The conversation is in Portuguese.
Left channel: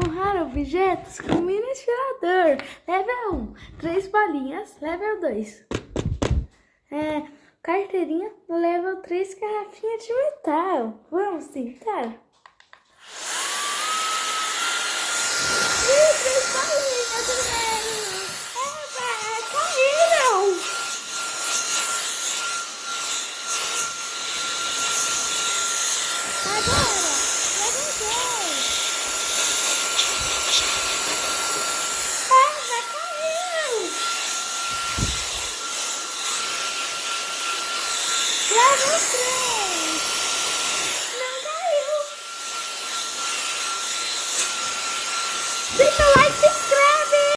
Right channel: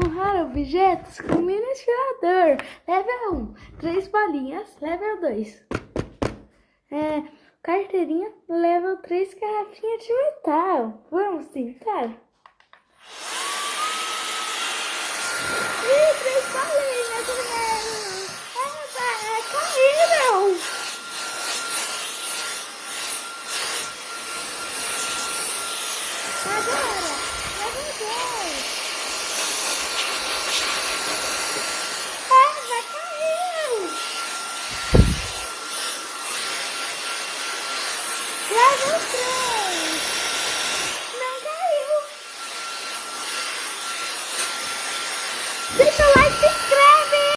empurrar objetos com mini aspirador. Level 1, 3 bolinhas. Level 2, carteirinha. Level 3, garrafinha de metal. Vamos tentar? Ih, 3 bolinhas primeiro. Eba, caíram. Agora, level 2. Eva, caiu! Level 3.